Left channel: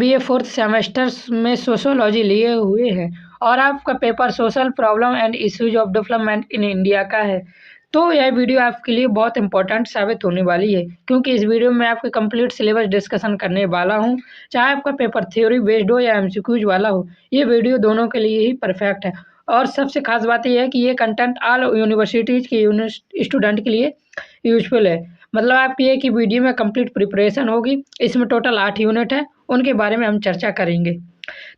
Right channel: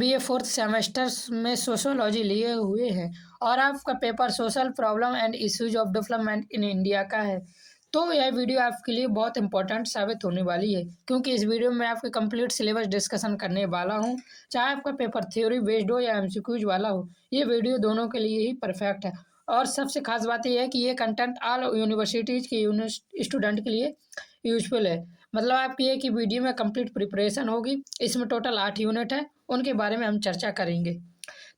BA fourth semester में sociology लिए हुए हैं और आपका paper social problem and issues of development in India का है, तो यह वीडियो आपके लिए बहुत इंपॉर्टेंट साबित होने वाली है, क्योंकि इस वीडियो में आपके कंप्लीट सिलेबस डिस्कशन करने वाला हूं। चाहे आपका पेपर थ्योरी बेस्ड हो या एमसीक्यूज वाला हो, ये वीडियो दोनों के लिए ही परफेक्ट है। और सबसे खास बात यह है कि ये कंटेंट ऑल यूनिवर्सिटीज़ के स्टूडेंट के लिए यूजफुल है। मतलब आपकी एक ही वीडियो में कंप्लीट प्रिपरेशन होगी। इसमें टोटल 8 यूनिट है, उनके बारे में हम चर्चा करेंगे।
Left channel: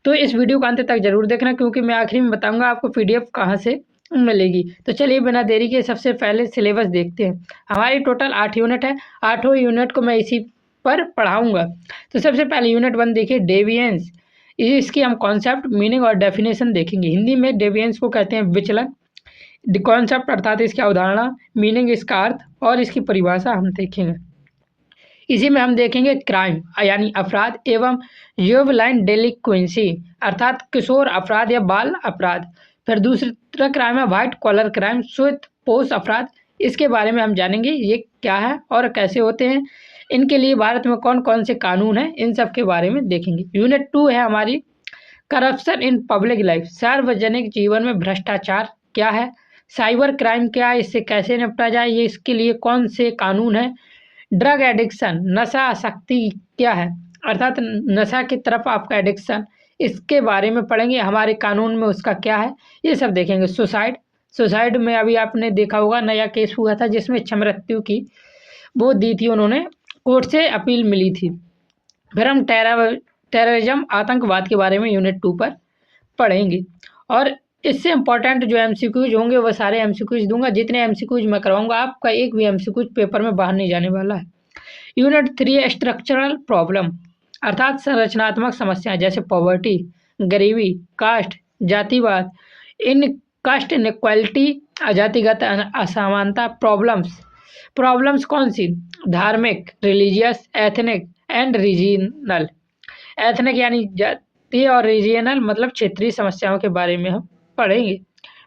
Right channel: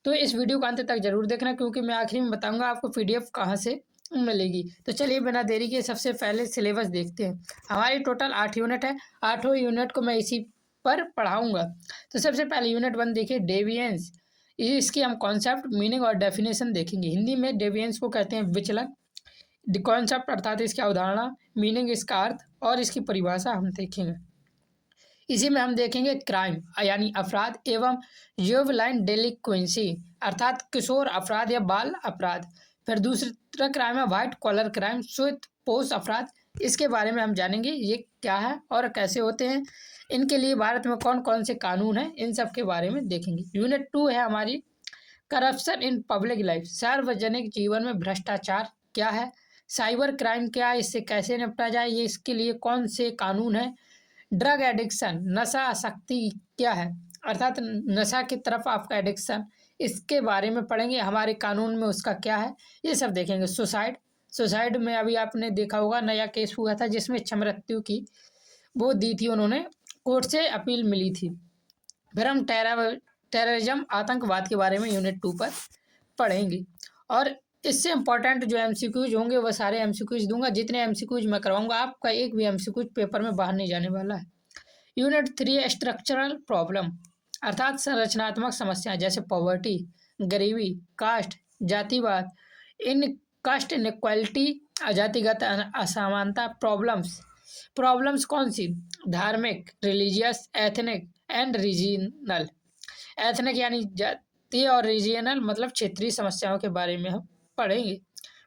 तो इस वीडियो को अंत तक जरूर देखना, क्योंकि मैं आखिरी में बताऊंगा आपको पीडीएफ कहाँ से मिलेगी। तो चलिए बिना देरी के सबसे पहले सिलेबस देखते हैं। हमारी टोटल 8 यूनिट है, 8 यूनिट को मैं इसी पर पढ़ाऊँगा। तो सबसे पहले यूनिट 1 देखिए, डेविएंस। इसकी हम कॉन्सेप्ट, मीनिंग और डेफिनेशन देखेंगे। हिंदी में डेविएंस को कहते हैं विचलन। कॉन्सेप्ट अर्थात इसकी अवधारणा, मीनिंग इसका अर्थ और इसकी परिभाषा हम देखेंगे। इसी में हम देखेंगे क्राइम यानी अपराध एवं जुवेनाइल डेलिक्वेंसी अर्थात किशोर अपराध या बाल अपराध। फिर दूसरा क्राइम है व्हाइट कॉलर क्राइम, श्वेत पोष अपराध। इसके बारे में हम जानेंगे ये क्या है और कैसे होते हैं, इनके लिए भारत में कौन कौन से कानून हैं, इन सब के बारे में देखेंगे। यूनिट 2 है हमारी करप्शन इन पब्लिक लाइफ, सार्वजनिक जीवन में भ्रष्टाचार क्या है, साइबर क्राइम क्या है, इससे कैसे निपटा जाए, ये इसके लिए कौन से कानून हैं, ड्रग एडिक्शन नशा आसक्ति क्या है अर्थात नशा की तरफ आपका एडिक्शन, इसके बारे में पढ़ेंगे, हमारे कानून में उसका क्या है, ये सब देखेंगे। सुसाइड में अभी आपने देखा होगा नया केस हुआ था जिसमें इच्छा मृत्यु की वो दी थी, उन्होंने कोर्ट से अपील मिली थी। फिर हम टेररिज्म आतंकवाद के बारे में यूनिट 2 पर पढ़ेंगे। और इससे इंपॉर्टेंट जो एमसीक्यूज होंगे वो सारे एमसीक्यूज दूंगा, जितने एमसीक्यूज मैं करवाऊंगा आपका एक भी एमसीक्यूज पेपर में बाहर नहीं जाने वाला है। यूनिट 3 स्ट्रक्चरल प्रॉब्लम अर्थात संरचनात्मक समस्याएं जैसे पॉवर्टी, गरीबी, कास्ट, जातिवाद, इन कास्ट इनक्वालिटी, जातिगत असमानता। प्रॉब्लम्स कौन सी, धार्मिक, religious, ethnic and regional. Ethnic यानी जातीय और रीजनल मतलब क्षेत्रीय समस्याओं के बारे में हम पढ़ेंगे।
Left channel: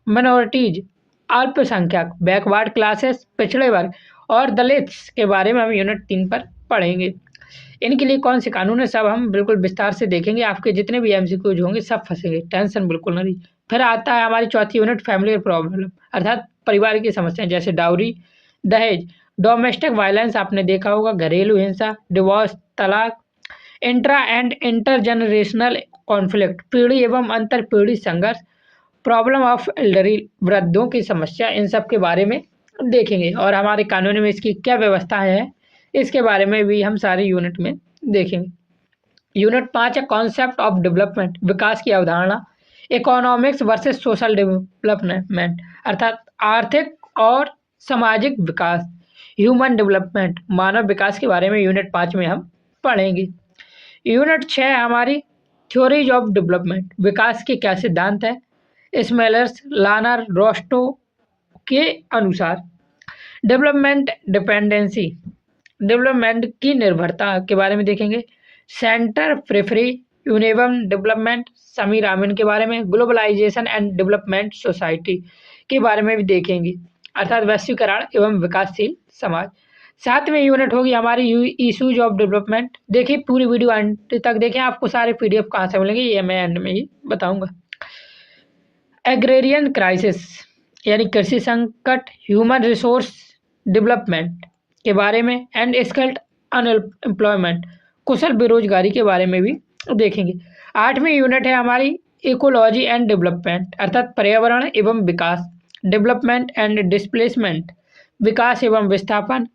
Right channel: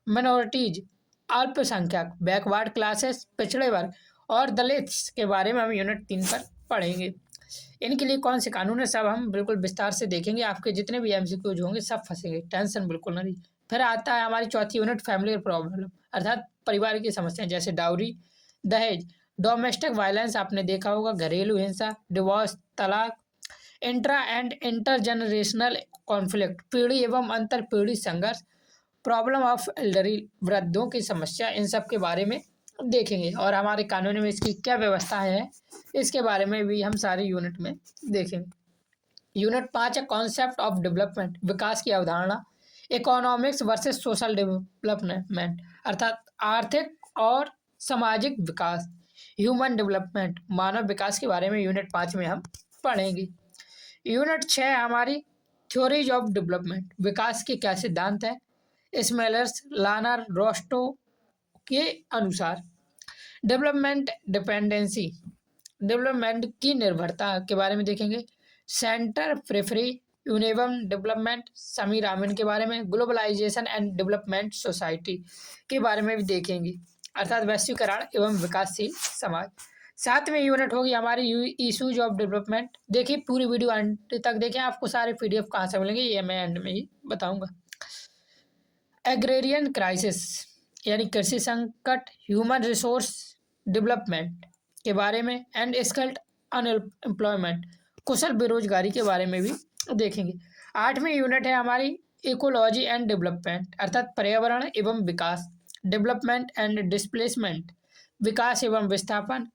माइनॉरिटीज, अल्पसंख्यक, बैकवर्ड क्लासेस, पिछड़े वर्ग और दलित्स के बारे में हम यूनिट 3 पर पढ़ेंगे। इनके लिए कौन से कानून है सब हम बिल्कुल विस्तार से देखेंगे। आपके जितने भी एमसीक्यूज होंगे सब फंसेंगे, टेंशन बिल्कुल नहीं। फिर आता है हमारी चौथी यूनिट फैमिली प्रॉब्लम अर्थात परिवार की समस्याएं जैसे डाउरी, दहेज, डोमेस्टिक वायलेंस आपने देखा होगा, घरेलू हिंसा, डिवोर्स, तलाक, इंट्रा एंड इंटरजेनरेशनल कॉन्फ्लिक्ट, पीढ़ी एवं अंतर पीढ़ी संघर्ष, प्रॉब्लम ऑफ एल्डरी, वृद्धों की समस्या, इन सब के बारे में देखेंगे। और हमारे कानून में इसकी क्या व्यवस्थाएं हैं इसके बारे में भी हम सारे यूनिट में देखेंगे। यूनिट 5 है कॉन्सेप्ट ऑफ डेवलपमेंट, विकास की अवधारणा, इकोनॉमिक्स वर्सेस सोशल डेवलपमेंट अर्थात आर्थिक और सामाजिक विकास, ह्यूमन डेवलपमेंट, मानव विकास के बारे में यूनिट 5 में हम पढ़ेंगे। यूनिट 6 हमारी थ्योरीज ऑफ डेवलपमेंट, विकास के क्या सिद्धांत है, स्मेलर्स, लानर, रोस्टो के अनुसार। डेवलपमेंट डिपेंडेंसी, डेवलपमेंट की निर्भरता के बारे में देखेंगे। सेंटर प्रेफरी, यूनिवर्म डेवलपमेंट, समीर आमिन के बारे में। ग्लोबलाइजेशन एंड डेवलपमेंट सोसाइटी के बारे में भी देखेंगे अर्थात वैश्वीकरण एवं विकासशील समाज। 7वीं यूनिट होगी हमारी इशूज ऑफ डेवलपमेंट। देखिए पूरी वीडियो अंत तक देखें, आपको सारे पीडीएफ कहाँ से मिलेंगे ये मैं एंड में ही बताऊंगा। एग्रेरियन क्राइसिस यानी कृषि संकट, ह्यूमन रिसोर्स डेवलपमेंट के बारे में एंड स्किल्ड अनएम्प्लॉयमेंट, कुशल बेरोजगारी के बारे में भी देखेंगे। 8वीं यूनिट है हमारी इकोलॉजी एंड डेवलपमेंट अर्थात पर्यावरण एवं विकास, डेवलपमेंट एंड डिस्प्लेसमेंट, विकास एवं विस्थापन,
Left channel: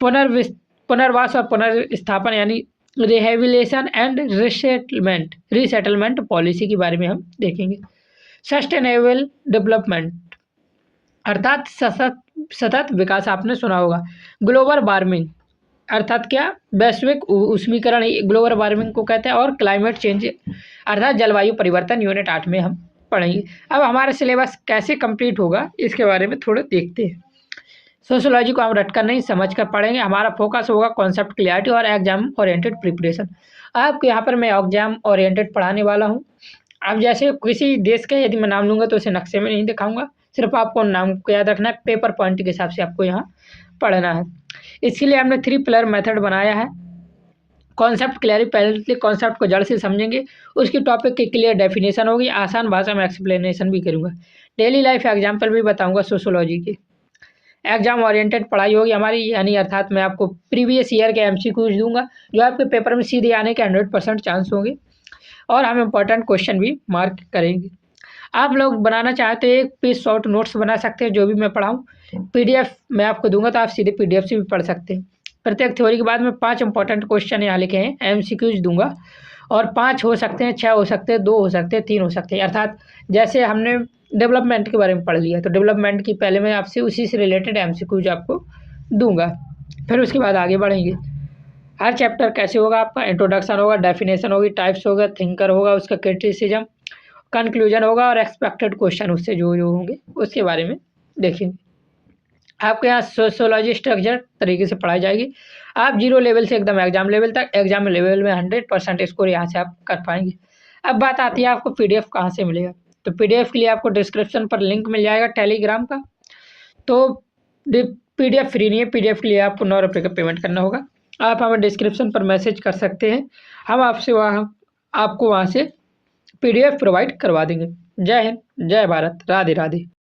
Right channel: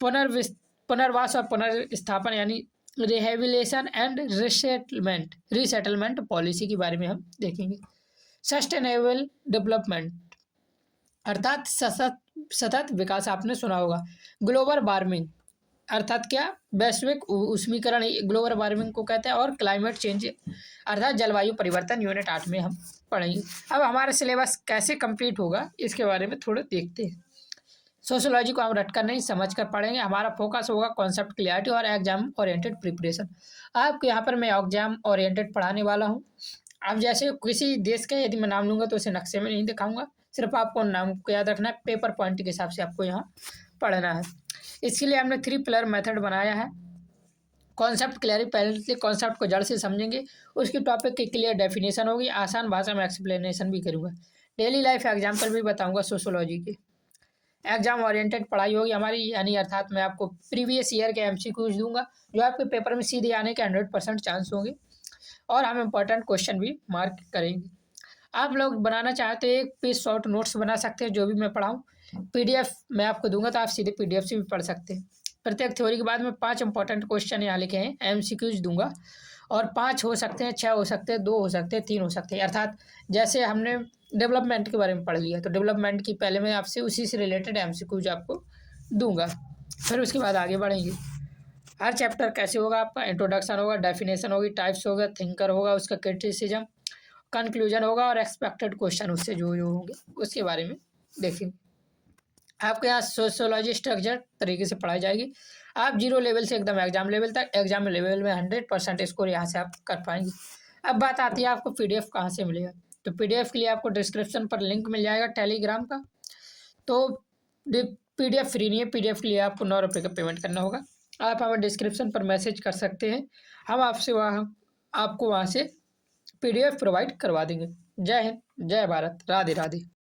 पुनर्वास और पुनर्स्थापन यानी रिहेबिलिटेशन एंड रीसेटलमेंट पॉलिसी के बारे में हम देखेंगे। सस्टेनेबल डेवलपमेंट अर्थात सतत विकास आपने सुना होगा। ग्लोबल वार्मिंग अर्थात क्या, वैश्विक उष्मीकरण ग्लोबल वार्मिंग को कहते हैं। और क्लाइमेट चेंज अर्थात जलवायु परिवर्तन यूनिट 8 में हम पढ़ेंगे। अब हमारा सिलेबस कैसे कंप्लीट होगा इसके बारे में थोड़ा देखते हैं। सोशोलॉजी को हम रटकर नहीं समझ कर पढ़ेंगे। हमारा फोकस होगा कॉन्सेप्ट क्लियरिटी और एग्जाम ओरिएंटेड प्रिपरेशन। आपके यहाँ पर मैं एग्जाम ओरिएंटेड पढ़ाने वाला हूँ। अब जैसे किसी देश के यदि मैं नाम लूँगा तो उसे नक्शे में नहीं दिखाऊंगा, सिर्फ आपको नाम को याद रखना है, पेपर पॉइंट के हिसाब से आपको यहाँ पढ़ना है। इसके लिए हमने 3 पिलर मेथड बनाया है। कॉन्सेप्ट क्लियर, पहले कॉन्सेप्ट को जड़ से समझेंगे, उसकी टॉपिक की क्लियर डेफिनेशन होगी, आसान भाषा में एक्सप्लेनेशन भी करूँगा, डेली लाइफ एग्जाम्पल भी बताऊँगा सोशोलॉजी के। एग्जाम ओरिएंटेड पढ़ाई होगी हमारी, यानी अर्थात मैं आपको प्रीवियस ईयर के एमसीक्यूज दूंगा जो आपके पेपर में सीधे आने के 100% चांस होंगे, और हम इम्पोर्टेंट क्वेश्चन भी मार्क करेंगे। आप लोग बनाना चाहते हैं एक पेज शॉर्ट नोट्स बना सकते हैं, जो भी मैं पढ़ाऊँ पीडीएफ मैं आपको दूंगा, तो आप सीधे पीडीएफ से भी पढ़ सकते हैं। प्रत्येक थ्योरी के बाद में 5 इंपॉर्टेंट क्वेश्चन यहाँ लिखे हैं, एमसीक्यूज दूंगा, और 5 हो सकते हैं, 6 हो सकते हैं, 2 हो सकते हैं, 3 हो सकते हैं। अर्थात जैसे हमने डेवलपमेंट के बारे में पढ़ लिया, तो डेवलपमेंट की पहले मैं आपसे उसी से रिलेटेड एमसीक्यूज आपको दूंगा, फिर उसके बाद आगे बढ़ेंगे। हर चैप्टर कैसे होगा आपका, इंट्रोडक्शन होगा, डेफिनेशन होगी, टाइप्स होगा, थिंकर होगा, उसका क्रिटिसिज्म, कंक्लूजन होगा, और एक्सपेक्टेड क्वेश्चन उससे जो जो होंगे उसके बारे में देखेंगे। आपके यहाँ सोशियोलॉजी स्ट्रक्चर तरीके से पढ़ाई जाएगी। आप 0 लेवल से एकदम एग्जाम लेवल तक, एग्जाम लेवल में 100% स्कोर यहाँ से आप कर पाएंगे। अब बात आती है आपको पीडीएफ कहाँ से मिलेगा, तो पीडीएफ के लिए आपको डिस्क्रिप्शन पर लिंक मिल जाएगा टेलीग्राम का। तो पीडीएफ फ्री नहीं है, पीडीएफ के लिए आपको 9 रुपये का पेमेंट करना होगा। आप हमें डिस्क्रिप्शन पर मैसेज कर सकते हैं, हम आपसे आपको वहाँ से पीडीएफ प्रोवाइड करवा देंगे। जय हिंद, जय भारत, राधे राधे।